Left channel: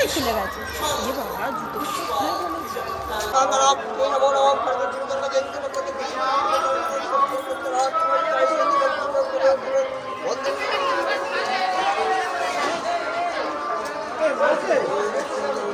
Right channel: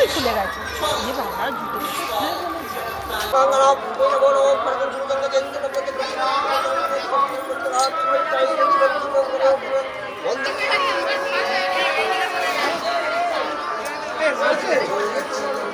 জুতোই খুলে গেছে এ বাবা জুতো খুলে ফেলেছে।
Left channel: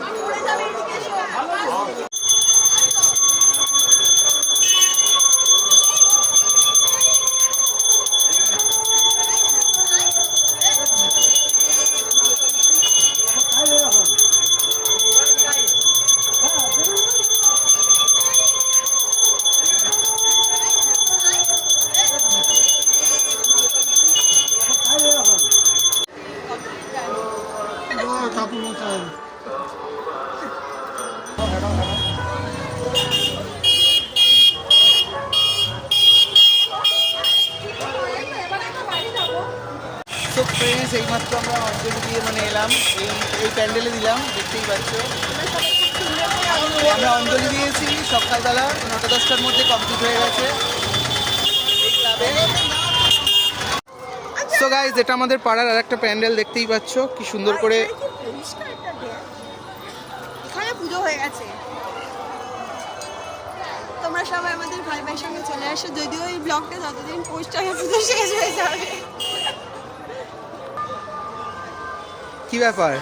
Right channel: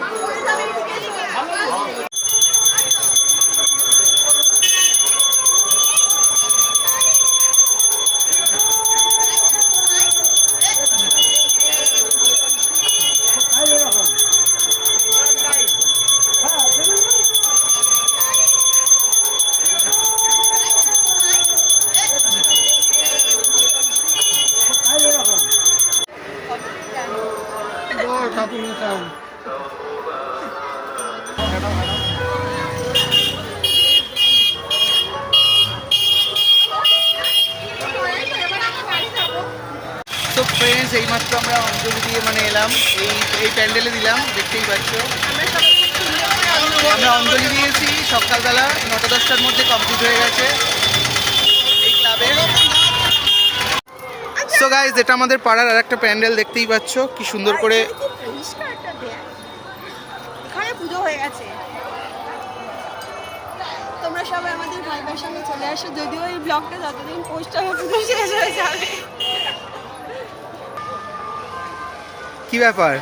তো ফ্রেন্ডস এইমাত্র আমরা অঞ্জলি দিয়ে মানে এলাম। এই এই প্যান্ডেলে দিলাম দেখতেই পাচ্ছ। আমরা অঞ্জলি দিয়েছি সকালবেলা নটা দশটার মধ্যে কমপ্লিট হয়ে গেছে। এই ক্লাবে। সো গাইজ এটা আমাদের পাড়ার আর একটা প্যান্ডেল দেখতেই পাচ্ছ। কি সুন্দর করে পুজো হয়ে গেছে। তোমরা সবাই আমাদের ভাই ভাইয়ের সঙ্গে চলে আসো যদিও এই ব্লগটা যতদিন পোস্ট হবে পুজো শেষ হয়ে যাবে। আর ব্যাপার।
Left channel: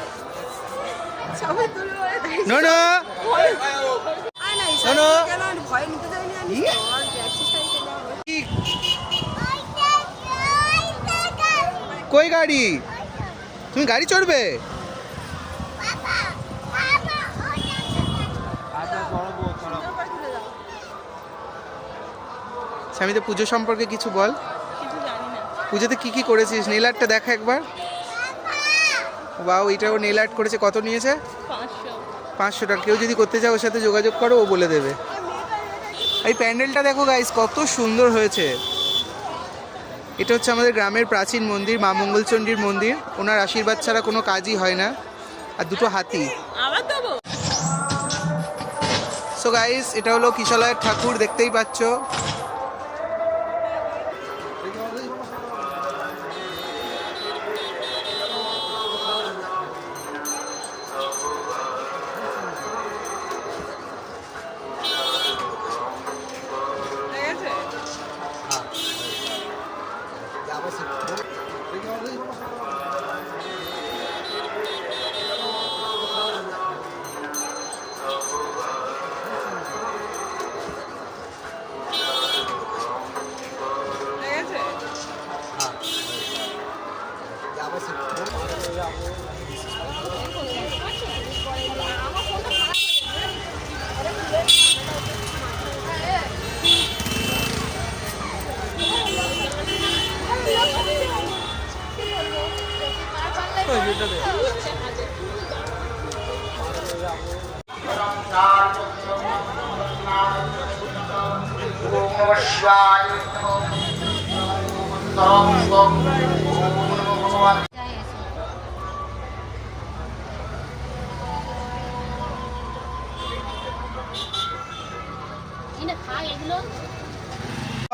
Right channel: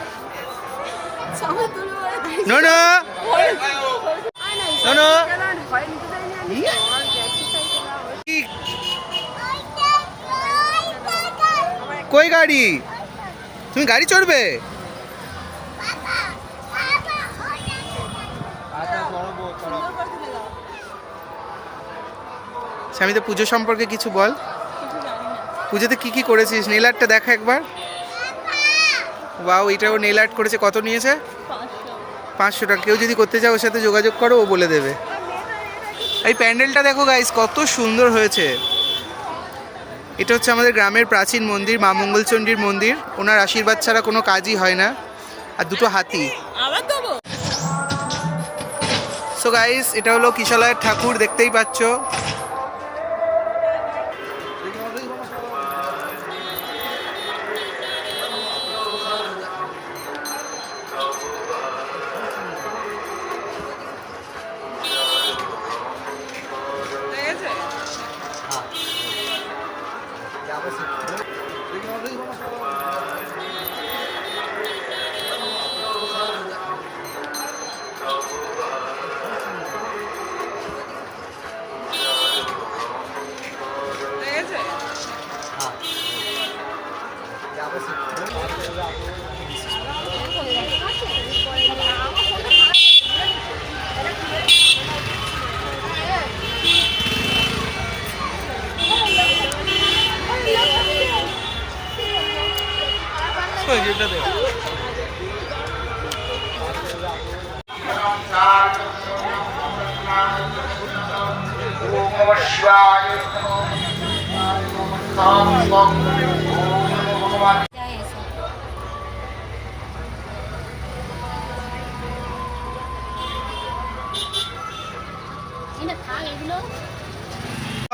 কই গাড়ি? তুমি গাড়ি চড়বে? স্বামীতে পুজো সম্পর্কে কিছু বল। পুজোতে কি কি করেছিস? নেল আর্টটা দেখা একবার। বাও এটাও নেল আর্ট করেছে। কত নিয়েছে? পাঁচশো। টাকা। কেউ যদি করতে চাও ওর সাথে যোগাযোগ করো ও বলে দেবে। এই প্যান্ডেলটা দেখো গাইস কত সুন্দর হয়েছে। এটা হচ্ছে আমাদের গ্রামের প্রাচীন মন্দির মা মঙ্গলচণ্ডীর মন্দির। ওনার আশীর্বাদ ছাড়া কোনো কাজই হয় না। আর দুটো হাতি। সো গাইস এটা হলো কিশলয়ের ঠাকুর দেখতেই পাচ্ছ।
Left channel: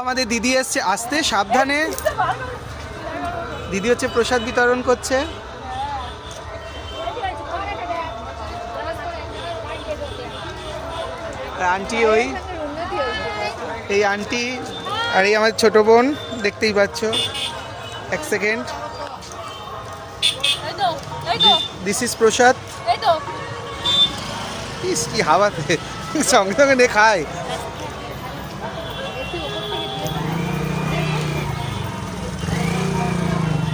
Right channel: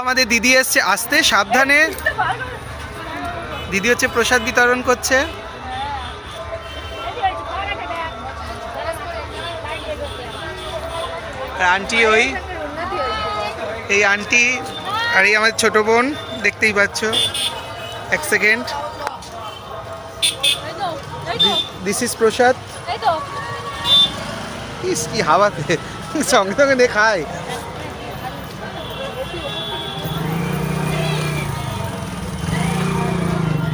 আমাদের দিদি এসছে আসতে সাবধানে। দিদি হচ্ছে প্রসাদ বিতরণ করছে। আর আন্টি ওই? এই আন্টি আর এই আমার ছোট বোন দেখতেই পাচ্ছ। এক সেকেন্ড। দিস ইজ প্রসাদ ইস কি হাওয়াতে সঙ্গে সঙ্গে নে খায়।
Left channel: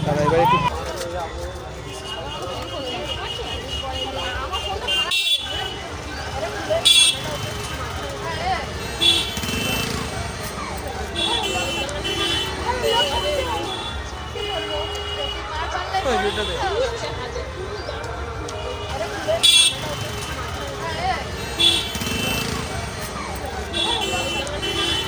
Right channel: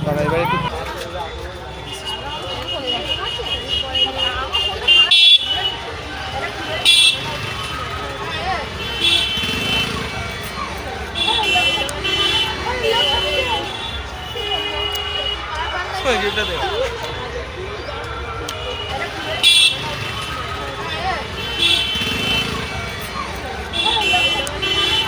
দাদা এবার একটু ওই, এটা দে।